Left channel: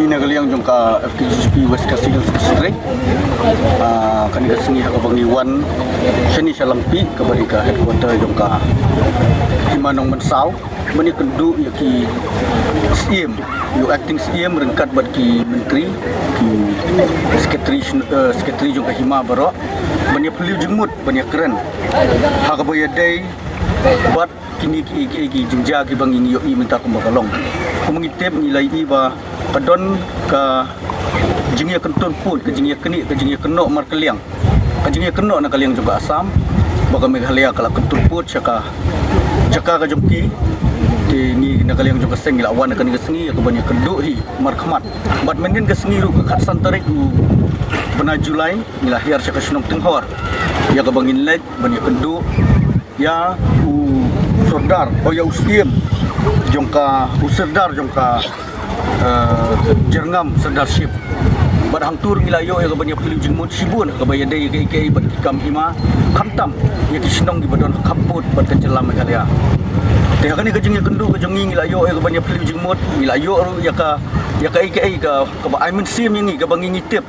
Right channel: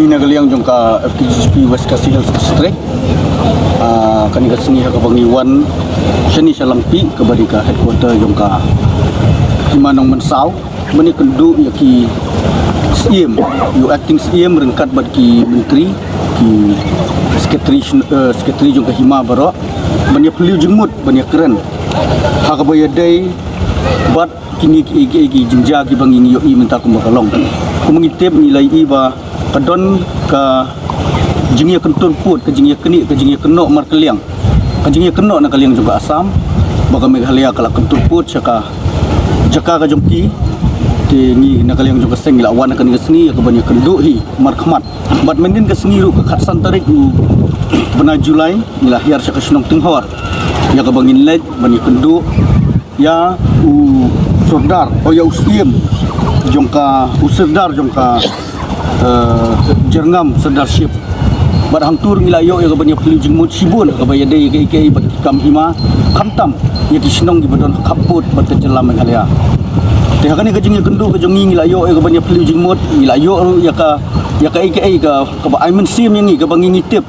sengi nagaliang jong ka FTGP West Khasi Hills District. Kani ka sengi ha kabangiwan seni salangpi kabari ka headquarter jong ka Himanong Mensaw. Bani kendu yaki SIM, yu acting SIM rengkat bat ki menteri ki sekretari jong ka Hima baro. Bani peliu jengmut bani keren. Ha kabaya day bat kini ki jingja ki bangi ni yoi minta kumakalong. Kumangitip nilai iba kadon ka jingya kentur put ke jingya keni ke jingya kenok markeliang. Ka jingya kenok na kaliang juga Asam. Baka Meghalaya kala kentur put syaka jaka ka jongki ti ni na kaliang juga seng ila wan ka ni sengi ka banyak kendu hi markhmat. Bat menin ka sengi ru ka khatsan tarik u bena Julai nila hiar syaka senong tenghor. Ya ka bangin led banyak kendu ya u sordar o ya usiem jongka userdar jongka jerngam serdarship bat hangtur ngila yo ya kabanya peliu jengmut sibun kabaya dai ke bat kam Hima khantam ya disnong gi badon kaput bat kenjelam Meghalaya te hakani ka jingya kendu ka jongi ngila yo ya kabanya peliu jengmut ngila yo ru ya ka ba aimen sim yangi ka bangi ngitip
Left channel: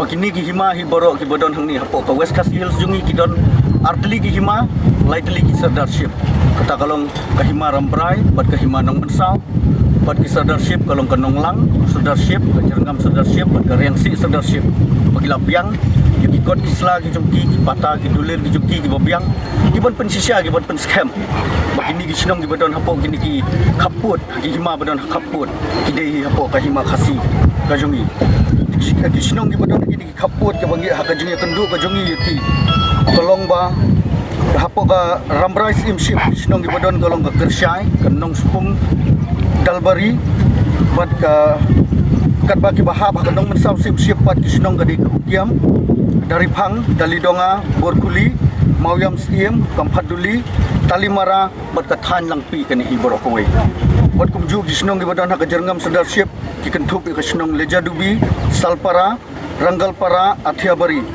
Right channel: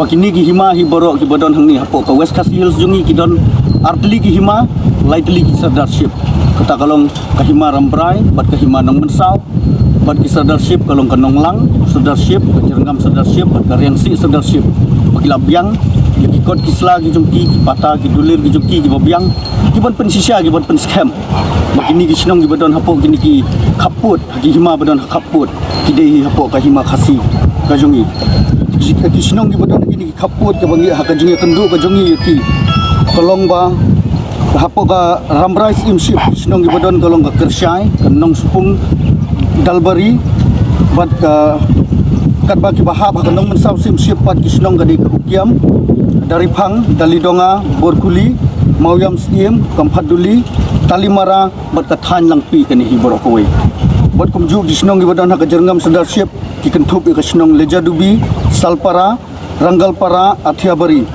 bakini gi Hima hi borok ki badon hangni hapo ka West Khasi Hills jongi ki don artli ki Hima lightly ki serdarship kata kalong ka Hima Rambrai bat ka Himanong Mensaw bat ki serdarship kalong ka Nonglang serdarship ka Jerngam serdarship bat ka Riangsi serdarship bagi labiang ya ki kot kisla ki jongki ki pata ki dulir ki jongki ki babiang ki ban pensisya ki ban penskem bagini ki sinong ki badon hapo kini ki kaput ki Hima badon kaput ki dei hapo ka Hima Khasi ka jongi ki sinong ki badon kini ki kaput ka bangi ha ka jongi kendu ka jongi ki kolong ba hapo ka Rambrai imship sinong ki badon kolong ka Kersyai ka Nong Supung Dalbari bat ka kat bagi bahab ka Nong Mensaw imship pat ki sinong ka di ka Ukiam dari Pang Dalidonga Borkuli Mauyam Stiem Kampaduli Talimara bat ka Than Langpi kani hiboro kawai bat kumju ki sinong ki badon ka Jerngam serdarship ki kentup ka sinong Lejadubi Salpara Ranggalpara Athiabari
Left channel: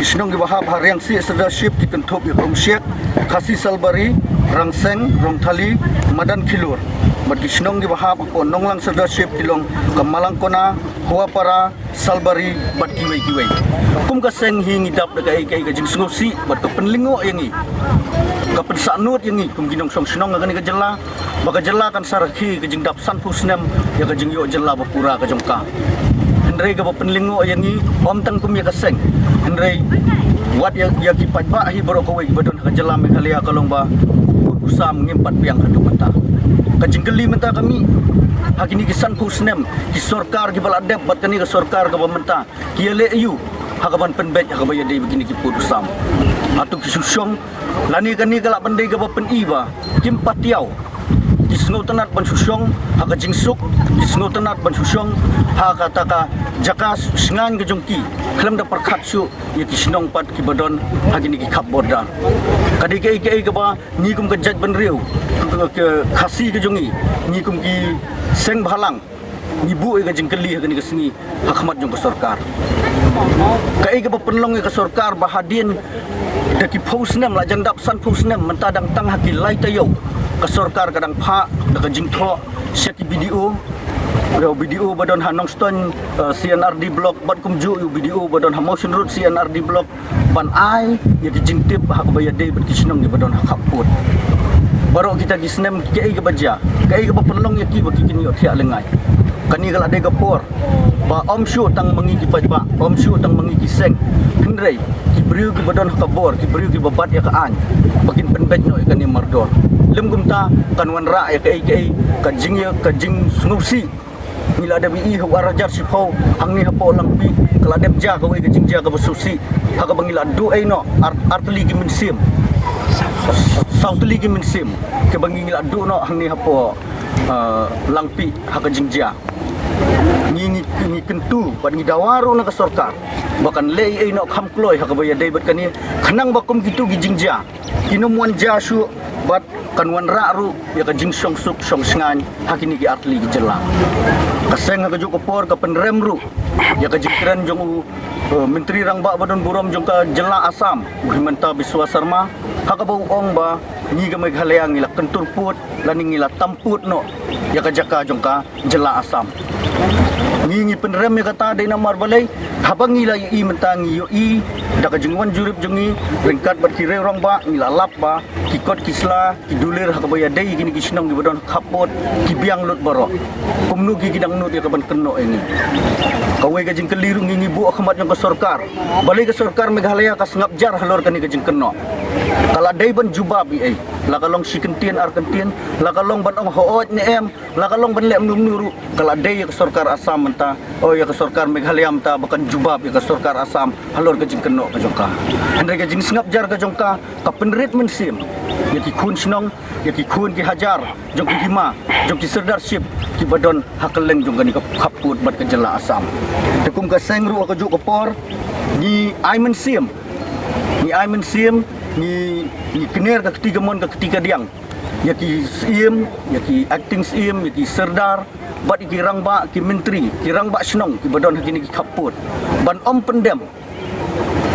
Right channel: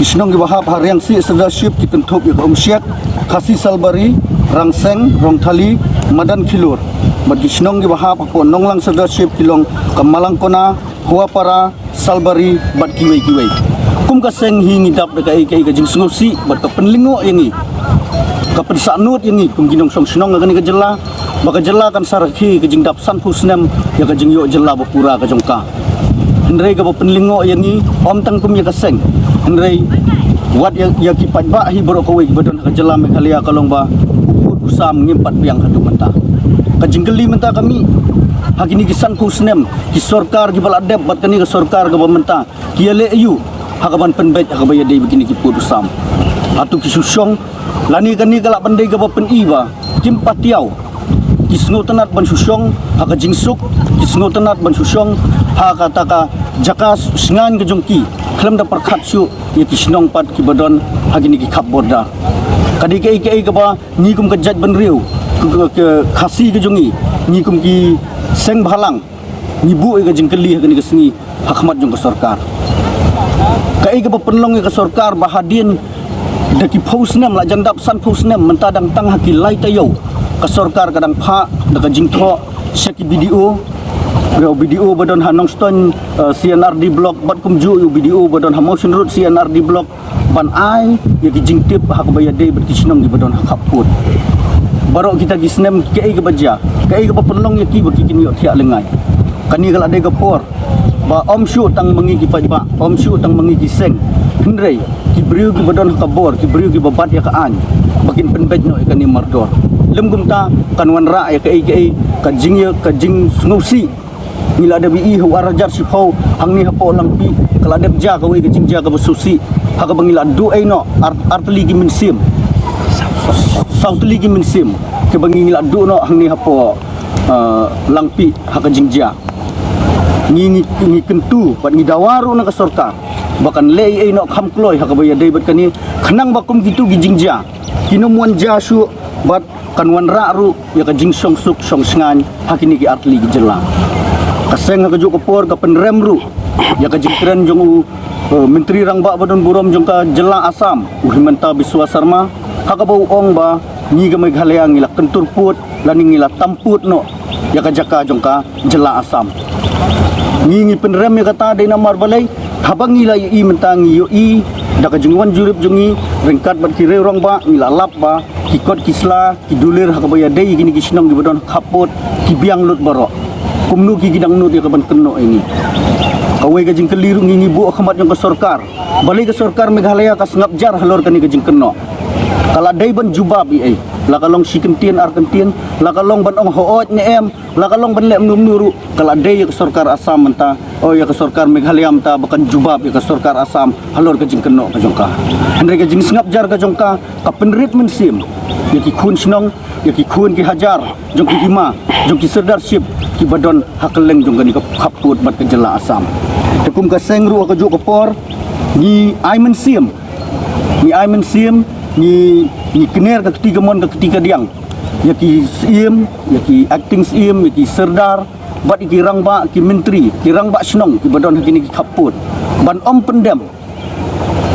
Kisnong gibahap Riangsi serdarship ki kentup ka Umsyek Khasi Salbari Rangseng Rongthali Madan Khilur bat kisnong gibahap po Nonglang serdarship kilong Kamalangkona Huapara Salbari bat kiwai kum ka seng hi ngidap ka ka jingsungosi bat ka penlingo yangi ka pensanut yangi kum ginong song sinong ngani ka jela baka jela kan sarhi ka jingdap san pusnem ya ka jingyo jela bapura ka jongka hendrei ka penlingo yangi om tang kum ya ka seng hendrei wat ya ki pajba hi borok kawai badon ka jela Meghalaya kalong ba uput usam ngimpat biang haduk menta ka jinggeli menta kami hakini ki san pusnem ki sarkar ki baladep bat kani ka sarkar ka bamenta ki ale ayu hakaban penbet hakabaya dei begini ki put usam atu ki susyong lani kani kala pandai ka pen iba kim patiau ki sngo tanat ban susyong haka jingsuk ki sngo tanat ban susyong haka taka jakas singan ke jongki klam da perkhat su ya ki sinong pat ki badon hagini ki khap borda kadi ke ke ba ni kum ka jaj ban riu ke Khasi ke jongi ni kum ki seng bhalang ni bu ka jingkeli hagini ke sengi hakmat jong ka sarkar kai ka penlong ka sarkar bahadin daki phosnem la jandap san phosnem mentadang tang haki lai tayo ka sarkar kadang pha da ka jingtho seki video badon Hanong Stone CNRD block bat kumju video badon Motion Road CNRD block ban ai ya ki jingtip hak bayade bat kisnong gi badon hakaput barok kita gisnem ke ga baja ke ga penlong ya ki baki kini thia lengai kani kala de ga por ba om shu tang mangi ki pajba om shu tang mangi ki seng hendrei ki briu ki badon kabor ki briu ki babat ya ka an bakin penbet no ikani mardor lem gumta kanwan ra ya ka jing snusi ngila ada bi hu arajar sifau hangni hapo langpi kala dep ja ka we ka jingja ka basusi haka bangila du ai no artli ki minsim sautli ki minsim ke bangila du no hangni hapo langpi haka jingja ni kentu bat ni dawaru na ka sarkar bakan lei ai no kham kloi haka baya dei bat kani khanang bakum gitu gi jingja kinomuan ja su bat kanwan ra ru ya ka jingsong suk song sngan hakini ki artli gi jela kaseng ka juk por ka penrem ru ya ka jingkran jong menteri rangba badon burom jong ka jela Asam Himanta Biswa Sarma haka bau ong ba ni ka Meghalaya ngila kentur put lani ngila tamput no ya ka jaka jong ka jela Asam ngingi penrem ya kata dai namar balai habang ngila i mentangi yo i da kajungwan jurip jungi ringkat bat ki rong ba ngila lap ba ki kot kisla ki dulir hakabaya dai gini ki sinong gibadon kapot ki biang lut barok kumnu ki gidang nut ya kaban keno ini kawai gajing keliru ngingi bu akhmat jong ka sorkar balai ka sorkar Meghalaya ka sengap jar halor kani gajing keno kala dai ban jubab i la kalong sikentien arkentien la kalong ban ong hoot ne em la kalong ban lem num nuru kala dai ya ka sorkar Asam menta oh ya ka sorkar Meghalaya menta bakan jubab ya ka sorkar Asam halor gajing keno ka jongka hendai gajing sengap jar ka jongka ka penrit mensim ya ki khun sinong ya ki khun ki hajar jong ki hima jong ki serdarship ki badon hakeleng jong kani ka khaput bat ka jela Asam tekum ka sengru ka juk kapor ni aimen sim ni kener ka ketiga mon ka ketiga diang ya ki sim ya ki acting sim ya ki serdar bat ki rangba ki menteri ki rangba snong ki badon hakini ki khaput ban om pendem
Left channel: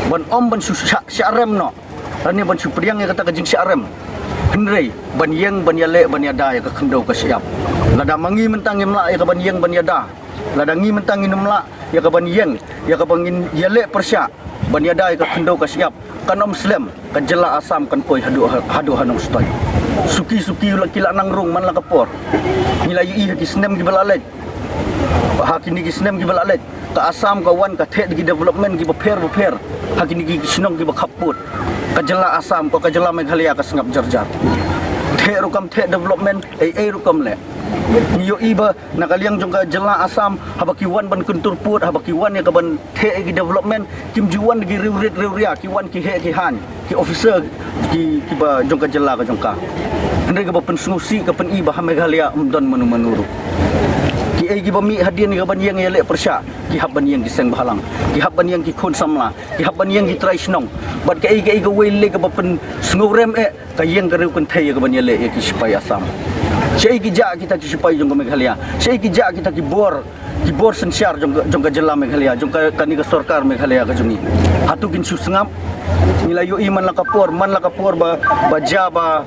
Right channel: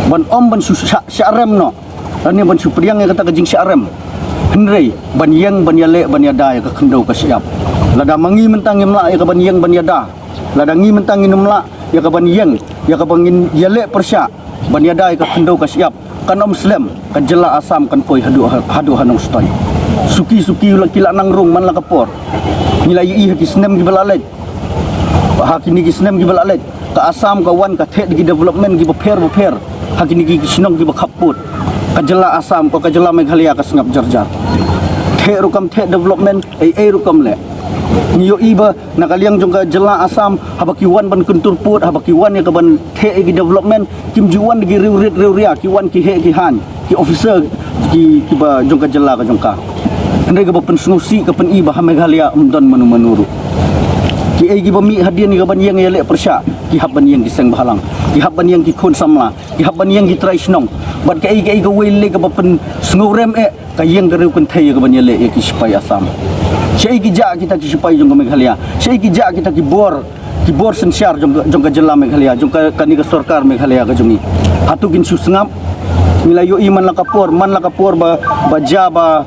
ban om ban syarem no ani ban supriang ya kata kajing syarem hendrei ban yang ban yale ban yada ya ka khendau ka siap lada mangi mentang imla ya ka ban yang ban yada lada ngi mentang inumla ya ka ban yang ya ka bangin yale persya ban yada ya ka khendau ka siap kan om Muslim kan jela Asam kan poi hadu hanong stoi suki kila nang rung man la kapor nilai i haki snem gi balalet hakini gi snem gi balalet ka Asam ka wan ka the gi development gi beper hakini gi sinong gi bakaput ka jela Asam ka jela Meghalaya ka sengap jarjar the rukam the development rukam le ngiyo iba nakaliang jong ka jela Asam habaki wan ban kuntur put habaki wan ya ka ban the gi development kim juan gi riuria ki wan ki he ki han ki officer ki ba jong ka jela ka jong ka andai ka ba pensungusi ka pen iba Meghalaya umdon manuru ki ai gi ba mi hadian ni ka ban yang yale persya ki haban yang ki seng bahalang ki haban yang ki khun samla ki haban yang ki trai snong bat ka ai ga wele ka ba pen sngurem ka yang ka riu kun thai ka ban yale ki sipai Asam Syai kijak kita ki sipai jong ka Meghalaya syai kijak kita ki bor sensyar jong ka jela Meghalaya jong ka kani ka sorkar Meghalaya ka jongi hatu kin susngap nilayo iman la kapor ba jaba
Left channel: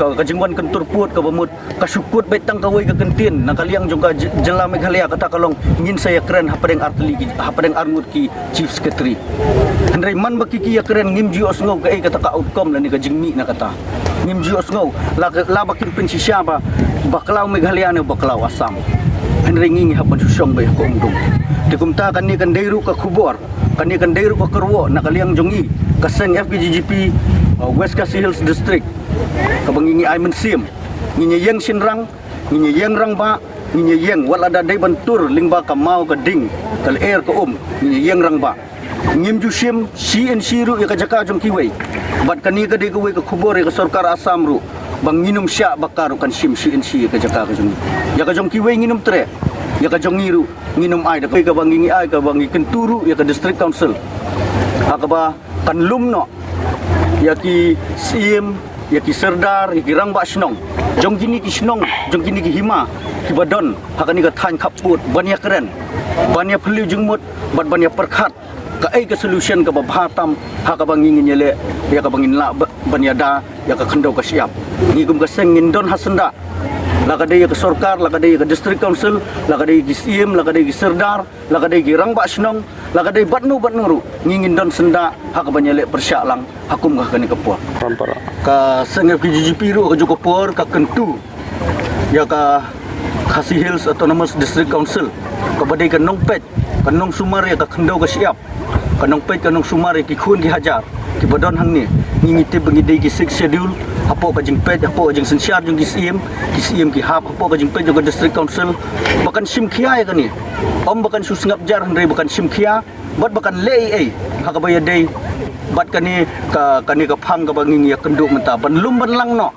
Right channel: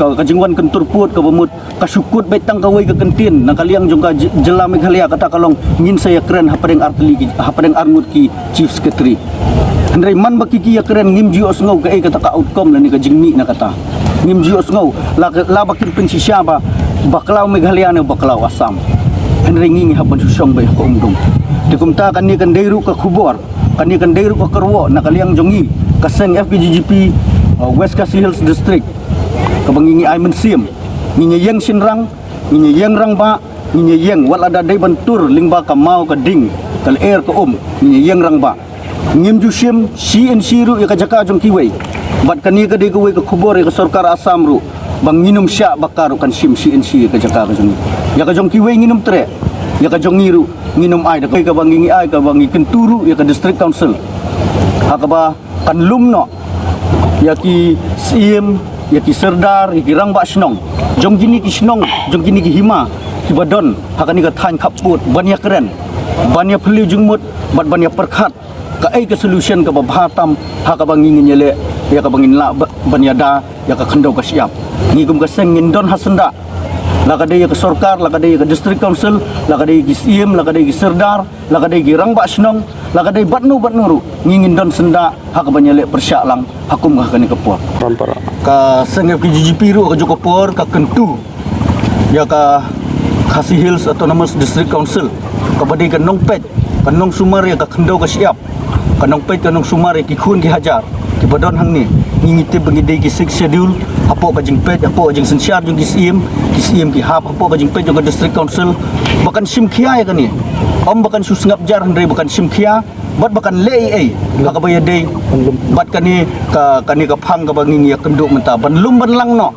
ka jingwan kentur put ka bamut ka sukut betang ka wei ka kentin nakaliang jong ka jela Meghalaya kata kalong ngin saya keren hapadeng arngut ki chief secretary hendrai man bakiki ya keren ngim jios ngau ka kata ka outcome la ni ka jingmi na kata ngim jios ngau la bakin pensisya ba baklau Meghalaya ne baklau Asam hendrai ngingi haban susong bai ko umdum dikumta kan ni kan deiru ka khubor kan ni kan deiru ka kerwo nakaliang jongi kaseng FPGGP West Khasi Hills District kabangingi aimen sim nginye yang sinrang nginye yang rangba nginye yang wal ada dai bantur lingba ka mau ka ding kal air ka nginye yang rangba ngim jusim CNC ru ya ka jaka jong kiwei bat kani ka dei ka wei ka khubor ya ka sorkar Asam ru bang nginum sya bakaru kan sim CNC ka jaka ka jong ya ka jong kiwei nginum tre ya ka jong ngiru nginum ai da ka bangingi ai ka bangi kenturu ya ka district council hakaba kan lumno ya ki sim ya ki serdar ya ki rangba snong jong gini ki snong jong gini ki hima ki badon hakani ka than khaput banya keren banya phliu jungmut bat banya perkhat ka ai ka solution ka babhatam haka bangingin yele ya ka bangin la banyada ya ka khendau ka siap ni kum ka sengin don hasenda la ka dei ka sorkar la ka dei ka district council la ka dei ki sim la ka dei ki serdar la ka dei ki rangba snong la ka dei batnuru ngingin don senda haka banyale persya lang hakum ka kani kapor pampara ka sengep ki GGP ru ka jokopor ka kentu ya ka Khasi Hills Autonomous District Council ka badai ka nongpet ka nong sumar ya ka khendau ka siap ka nongpet ka nong sumar ya ki khun ki hajar ki badon hang ni ngingite bangidei ki 6 schedule apo ka jingpet apo jing sensyar jong ki sim ki hap apo ka jingpet jong ka district council bakan sim khia ya kani om bakan susngap jar ndai bakan sim khia bat bakan lei hakabaya dei bat kani ka phang ka bangingi ya kenduk menta ban lum ban lang no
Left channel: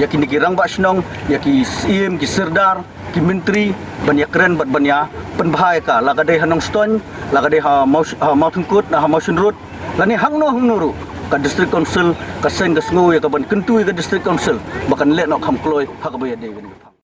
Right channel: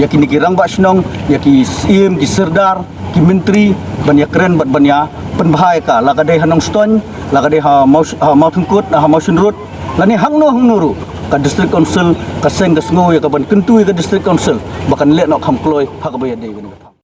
ya kini ki rangba snong ya ki sim ki serdar ki menteri ban ya keren bat ban ya penbahai ka la ka dei hanong ston la ka dei ha mau thungkut ha mau sunrut la ni hang nuru ka district council ka sen ka sngo ya ka ban kentu ka district council bakan le no kham kloi hakabaya dei